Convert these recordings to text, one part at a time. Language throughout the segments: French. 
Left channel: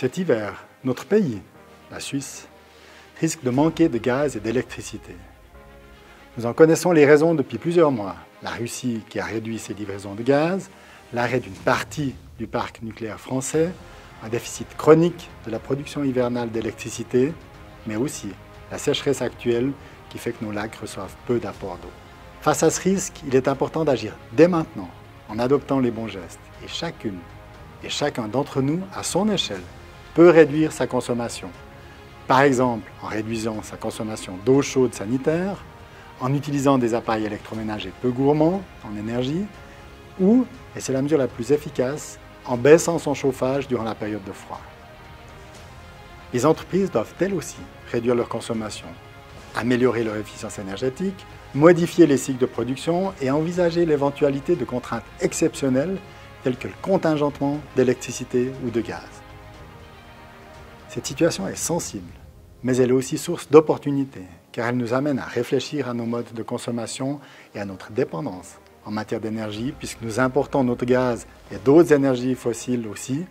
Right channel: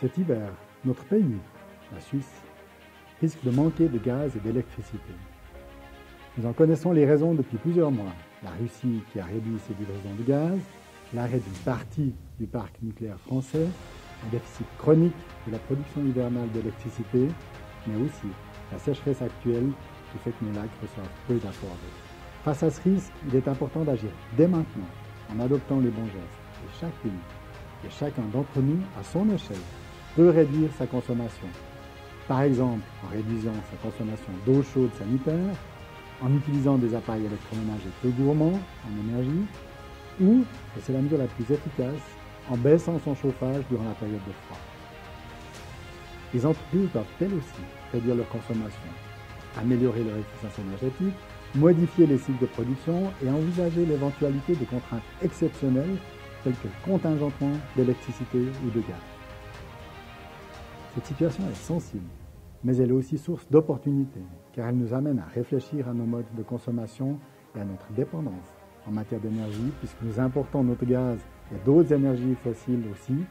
Cet hiver, notre pays, la Suisse, risque de manquer de gaz et d'électricité. Nous en connaissons les raisons depuis plusieurs mois. La Russie qui a réduit ses livraisons de gaz, l'arrêt d'une partie du parc nucléaire français, un déficit chronique de la production hivernale d'électricité, mais aussi la sécheresse actuelle qui fait que nos lacs reçoivent peu d'apports d'eau. Face à ce risque, il est important d'agir dès maintenant en adoptant les bons gestes. Et chacune et chacun d'entre nous, à son échelle, peut réduire sa consommation. Par exemple, en réduisant sa consommation d'eau chaude sanitaire, en utilisant des appareils électroménagers peu gourmands en énergie, ou, et c'est la mesure la plus efficace, en baissant son chauffage durant la période de froid. Les entreprises doivent elles aussi réduire leur consommation, améliorer leur efficience énergétique, modifier les cycles de production et envisager l'éventualité de contraintes exceptionnelles telles que le contingentement d'électricité ou de gaz. Cette situation est sensible, mais elle est aussi source d'opportunités, car elle nous amène à réfléchir à nos modes de consommation et à notre dépendance en matière d'énergie, puisque nous importons notre gaz et d'autres énergies fossiles aussi,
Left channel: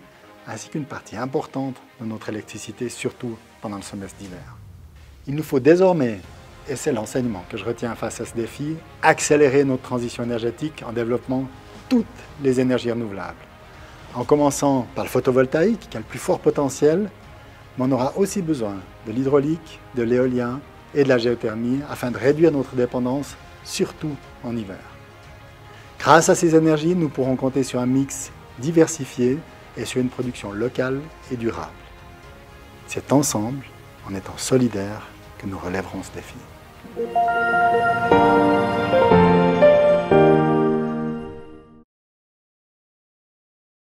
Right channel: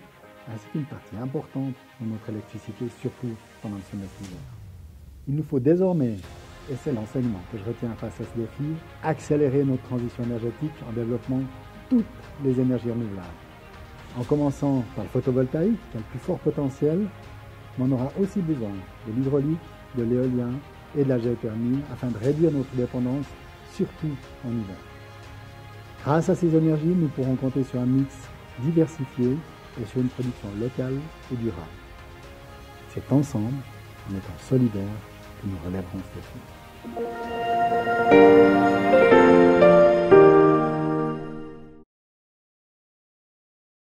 ainsi qu'une partie importante de notre électricité, surtout pendant le semestre d'hiver. Il nous faut désormais, et c'est l'enseignement que je retiens face à ce défi, accélérer notre transition énergétique en développant toutes les énergies renouvelables. En commençant par le photovoltaïque, qui a le plus fort potentiel, mais on aura aussi besoin de l'hydraulique, de l'éolien et de la géothermie afin de réduire notre dépendance, surtout en hiver. Grâce à ces énergies, nous pourrons compter sur un mix diversifié et sur une production locale et durable. C'est ensemble, en étant solidaires, que nous relèverons ce défi.